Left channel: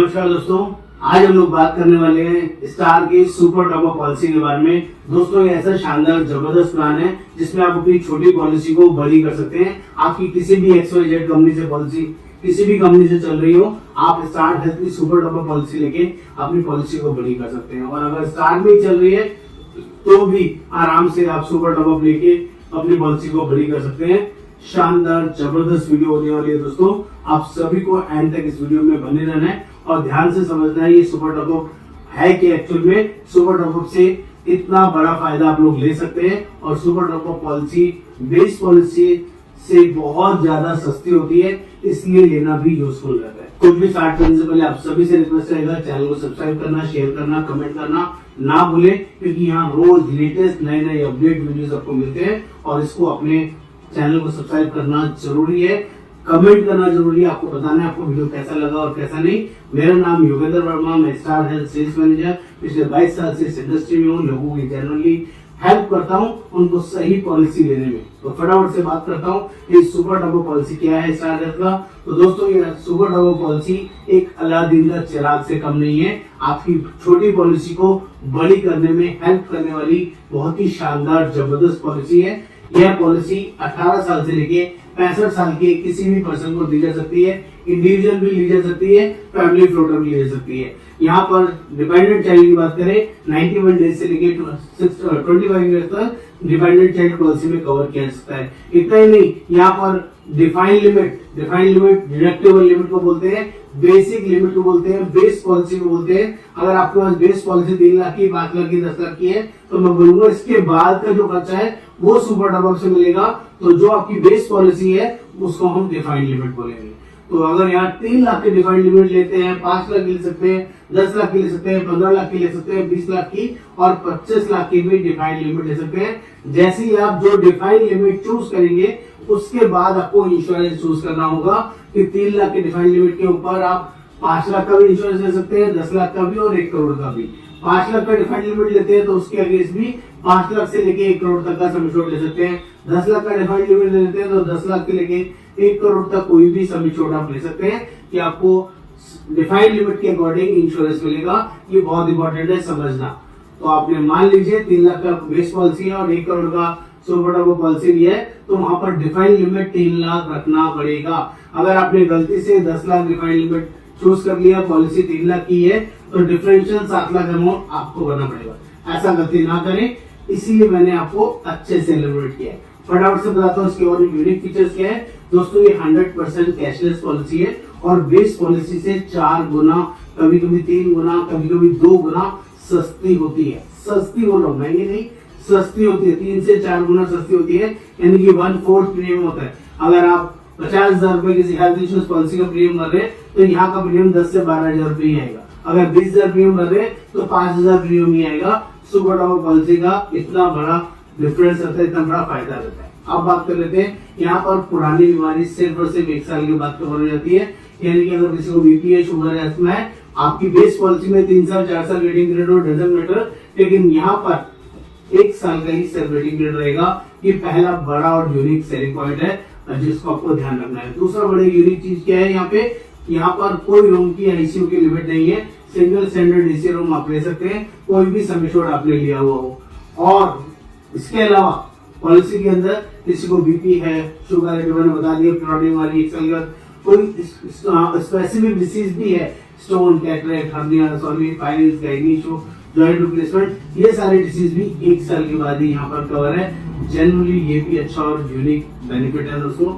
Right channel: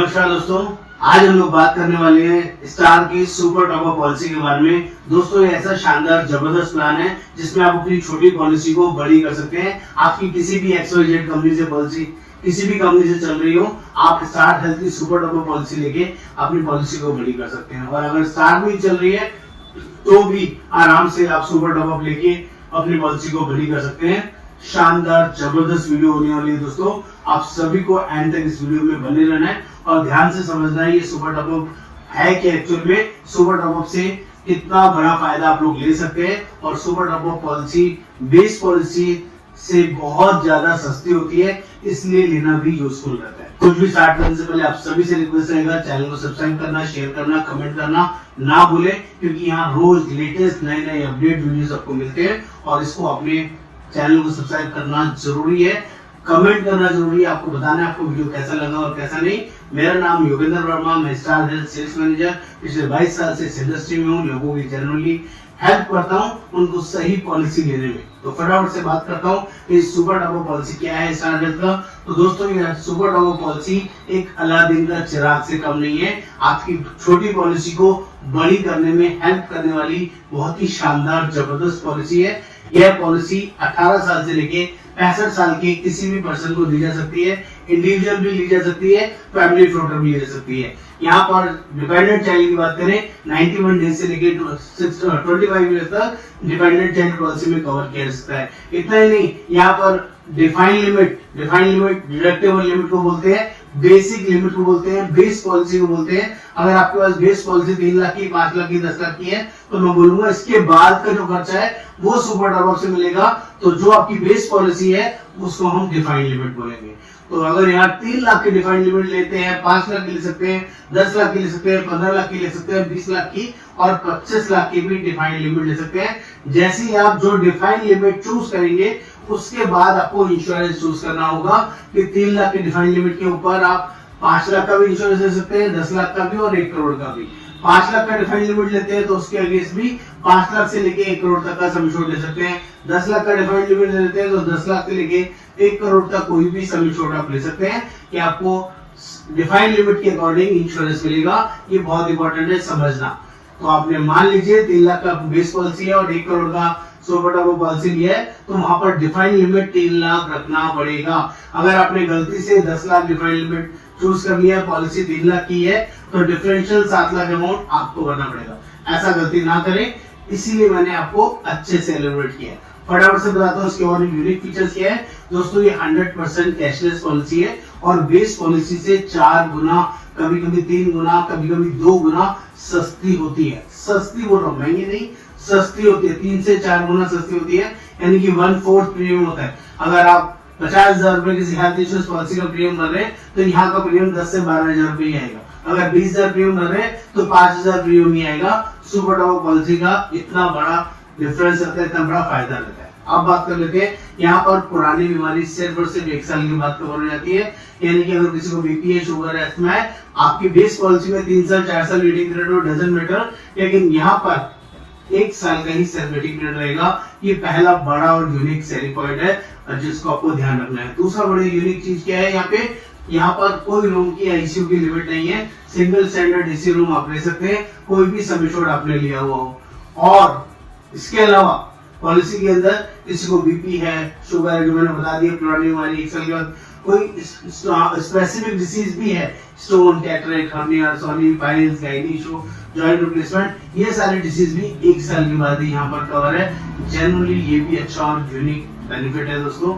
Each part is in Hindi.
नमस्कार दोस्तों, आज हम लोग बात करने वाले हैं स्टार की सुपर टॉप अप पॉलिसी के बारे में। दोस्तों ये ऐसा शानदार जबरदस्त प्लान है जिसमें आप अपनी छोटी पॉलिसी को बड़ी कर सकते हैं। आपकी किसी भी XYZ कंपनी से पॉलिसी किसी भी कंपनी से चल रही हो, आप स्टार हेल्थ की सुपर टॉप अप पॉलिसी लेके अपनी पॉलिसी को बड़ी कर सकते हैं। और अगर स्टार में चल रही है तो भी आराम से आप सुपर टॉप अप लेके अपनी पॉलिसी को बड़ी कर सकते हैं। शानदार जबरदस्त वीडियो होने वाली है दोस्तों, आप सभी को एंड तक इस वीडियो में बने रहना है और ध्यान से समझना है ये सुपर टॉप अप है कि एक्चुअल में सुपर टॉप अप से कितना बड़ा फायदा आप लोग ले सकते हैं। और super top up policy base policy से बहुत ज्यादा सस्ती होती है, इसलिए लेना भी यूजफुल रहता है। कुछ भी स्टार्ट करने से पहले आप सभी से रिक्वेस्ट रहेगा, चैनल को सब्सक्राइब करना, शेयर करना, कमेंट करना ना भूले, क्योंकि यहाँ रोज लेटेस्ट नए नए अपडेट वीडियोस आपको मिलते हैं। और इसको अपने चैनल को सब्सक्राइब करना जरूरी है, कमेंट करना जरूरी है, आपको बताना है आपको वीडियो कैसा लगा और कैसा नहीं। मेरा नाम योगेंद्र वर्मा, मैं स्टार हेल्थ सेल्स मैनेजर पिछले 22 साल से इस इंडस्ट्री में हूँ। लोगों की जनरली हेल्प करता हूँ उनको सही पॉलिसी लेने में। तो फटाफट से बात करता हूँ इस सुपर टॉप अप पॉलिसी क्या है स्टार हेल्थ का। तो दोस्तों ये सुपर टॉप अप पॉलिसी एक अलादीन का चिराग से कम नहीं है। आपकी छोटी पॉलिसी को बड़ी करने में हेल्प करने वाली बहुत ही शानदार जबरदस्त पॉलिसी है। यह पॉलिसी 18 साल से लेके 65 साल के किसी भी पर्सन को दी जा सकती है। इंडिविजुअल भी ली जा सकती है, फैमिली फ्लोटर भी ली जा सकती है। यहाँ पर डिपेंडेंट चाइल्ड की बात करें 91 डेज से लेके 25 ईयर्स तक डिपेंडेंट चाइल्ड पॉलिसी में कवर किया जा सकता है। इतना ही नहीं, यहाँ पर डिफाइंड लिमिट डिडक्टेबल लिमिट को बोलते हैं, बेसिक लिमिट को बोलते हैं, बेस पॉलिसी को बोलते हैं। अगर आपके पास बेस पॉलिसी 3 लाख की, 5 लाख की, 10 लाख की है तो मैं बोलूंगा इसके बाद का जो खर्चा है वो सुपर टॉप अप से मिलेगा। तो जो आपकी बेस पॉलिसी है उसको हम डिफाइंड लिमिट बोलेंगे। तो अगर यहाँ 3 लाख की डिफाइंड लिमिट लेते हैं, 5 लाख की ले सकते हैं, 10 लाख की ले सकते हैं, 15 लाख की ले सकते हैं, 20 लाख की और 25 लाख की भी डिफाइंड लिमिट ले सकते हैं। जैसे ही आप जो डिफाइंड लिमिट चूज करेंगे उसके बाद आपको इंश्योरेंस चूज करना होगा कि 3 लाख की डिफाइंड लिमिट के ऊपर आप 5 लाख का भी इंश्योरेंस ले सकते हैं, 10 लाख का भी और 1 करोड़ का भी। 5 लाख का डिफाइंड लिमिट लेते हैं तो उसके अगेंस्ट भी 5 लाख से लेके 1 करोड़ तक का सम इंश्योर्ड ले सकते हैं। 10 लाख का डिफाइंड लिमिट लेते हैं तो 10 लाख से लेके 1 करोड़ तक कोई भी सम इंश्योर्ड आप ले सकते हैं कि आपको डिफाइंड लिमिट के अकॉर्डिंग इंश्योरेंस मिलेगा। ये बहुत इंपॉर्टेंट है समझना। तो आपने मान लीजिए 3 लाख का बेस पॉलिसी है और 1 करोड़ का सुपर टॉप अप पॉलिसी लिया है तो वहां पर डिफाइंड लिमिट 3 लाख रखना पड़ेगा। अगर आपने गलती से 10 लाख डिफाइंड लिमिट चूज कर लिया, पॉलिसी 3 लाख की है तो डिफरेंशियल 7 लाख अमाउंट आपको भरना पड़ेगा। ऐसा गलती ना करें, इसीलिए मैंने आपको अच्छे से एलिमिनेट किया। फटाफट से बताता हूँ इसके और यूनिक फीचर्स क्या है। दोस्तों ये 100% कैशलेस पॉलिसी है और बेस पॉलिसी से 4 गुना, कभी कभी 3 गुना, कभी कभी 2 गुना सस्ती होती है। सस्ती बोल रहा हूँ, महंगी नहीं, सस्ती होती है। 3 से 4 गुना सस्ती होती है, यानी कि 1/4 प्रीमियम होता है। अगर आप 50,000 रुपए किसी हेल्थ इंश्योरेंस पॉलिसी का प्रीमियम भर रहे हैं तो यहाँ का प्रीमियम 10 से 12,000 रुपए ही आएगा। अगर 20,000 प्रीमियम भर रहे हैं तो 5,000 प्रीमियम ही आएगा। सुपर टॉप अप पॉलिसी का इतना बड़ा डिफरेंस रहता है, इतना बड़ा फायदा रहता है। अब बात कर लेते हैं, यहाँ पर पुरानी बीमारी सिर्फ और सिर्फ 1 साल के बाद कवर हो जाती है। यानी कि अगर किसी को बीपी है, शुगर है, अस्थमा है, आपकी बेस पॉलिसी में 3 साल 4 साल वेटिंग पीरियड हो, डजंट मैटर, लेकिन यहाँ पर 1 साल का ही सिर्फ वेटिंग पीरियड रहेगा। ये पहला बड़ा और यूनिक सेलिंग पॉइंट है जिसको आपको ध्यान रखना है। दूसरा बड़ा यूनिक चीज क्या है, यहाँ पर कोई रूम की आईसीयू की लिमिट नहीं है। सिंगल स्टैंडर्ड डीसी रूम आप ले सकते हैं, कोई भी सम इंश्योर्ड आपने लिया हुआ हो। और इसके अलावा पॉलिसी के अंदर किसी को बीपी है, शुगर है, जो मैंने बता दिया, पुरानी बीमारी 1 साल के बाद कोई स्पेसिफिक डिसीज भी है, स्टोन, कैटरेक्ट, हर्निया, सोनी, piles, gynae issue, joint replacement, ये सारे डिसीज भी 1 साल के बाद ही यहाँ पर कवर है। जनरली ये भी अच्छा और यूनिक बेनिफिट है दोस्तों।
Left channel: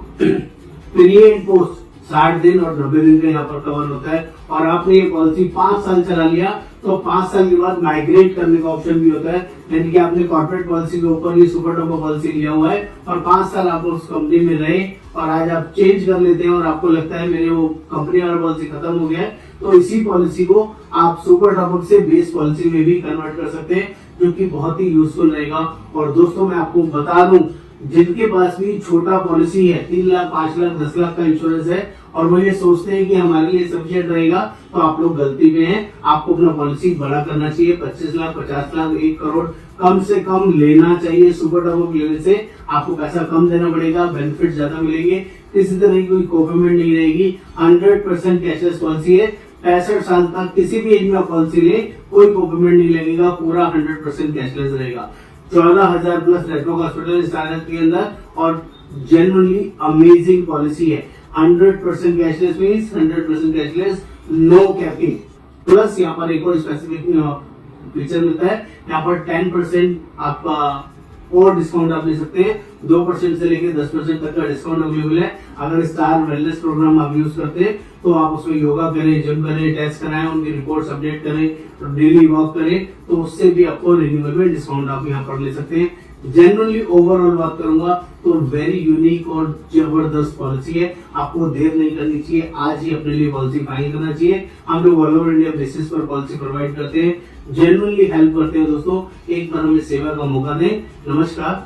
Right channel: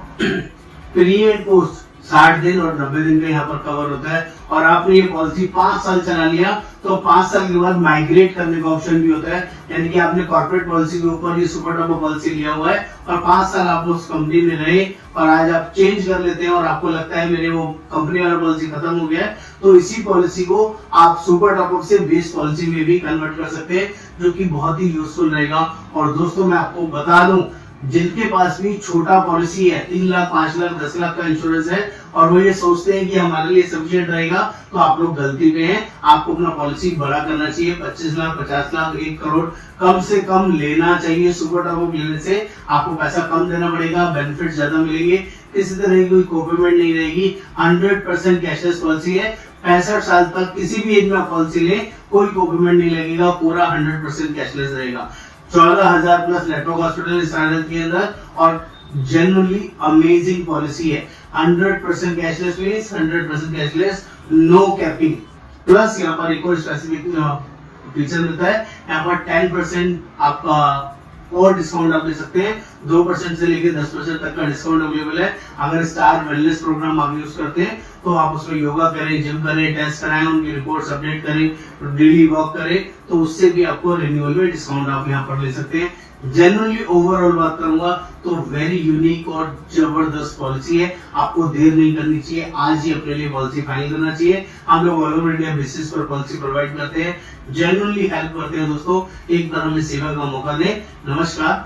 प्री एंड पोस्ट 60 दिन और 90 दिन का यहाँ पर कवर होता है। और आपने ये पॉलिसी 5 साल चला लिया तो 5 साल के बाद माइग्रेट करने का ऑप्शन भी होता है। यानी कि आपने कॉर्पोरेट पॉलिसी के ऊपर ये सुपर टॉप अप पॉलिसी लिया हुआ है और 5 साल आप उस कंपनी में रहे और आज आप चेंज कर लेते हैं और आपको लगता है मेरे वो कंपनी वाला पॉलिसी खत्म हो गया है, तो इसी पॉलिसी को आप सुपर टॉप अप से बेस पॉलिसी में भी कन्वर्ट कर सकते हैं, जो कि बहुत ही यूजफुल रहेगा। और दोस्तों मैं आपको बता दूं, जिनके पास भी छोटा पॉलिसी है, 3 लाख, 5 लाख, 10 लाख का इंश्योरेंस है और वो ये सोचते हैं कि हमारे लिए सफिशिएंट रहेगा, तो आप लोग गलती पे हैं। आपको अपना पॉलिसी बड़ा करना चाहिए। 25 लाख, 50 लाख, 1 करोड़ कम से कम लेना चाहिए। सुपर टॉप अप लेने से आपको पैसा कम देना पड़ेगा, बेनिफिट ज्यादा मिलेंगे, किसी तरह की कोई कोपेमेंट नहीं रहेगी। 100% कैशलेस पॉलिसी है। 65 साल तक किसी भी एज में पॉलिसी ले, कोई कॉम्प्लीमेंट नहीं लगेगा, पूरा 100% कैशलेस रहेगा। 14,000 प्लस नेटवर्क हॉस्पिटल इस आनंद के अंदर, और जेन्युइनली अमेजिंग पॉलिसी है। 100% cashless means 100% cashless, no capping. Plus यहाँ पर एक और स्पेसिफिक फीचर मिलता है, यहाँ पर 10% आपका और डिस्काउंट आप ले सकते हैं। 2% से लेकर 10% तक का डिस्काउंट अवेलेबल है। अगर स्टार वेलनेस प्रोग्राम आप यूज करते हैं तो आप उसमें योगा करें, जिम करें, टेस्ट कराएं, उनकी रिपोर्ट अपडेट करें, डेली वॉक करें, तो उससे भी आपको रिन्यूअल में डिस्काउंट आप यहाँ पर ले सकते हैं। जेन्युइनली ओवरऑल बात करूंगा तो वेरी यूनिक और जबरदस्त पॉलिसी है। आपको देर नहीं करनी चाहिए, आज ही अपने लिए पॉलिसी फाइनल करना चाहिए। हम लोग ऑल ओवर इंडिया बेसिस पर पॉलिसी प्रोवाइड करते हैं, जेन्युइनली हेल्प करते हैं दोस्तों। एक तरह में सेवा का मौका दें। नमस्कार।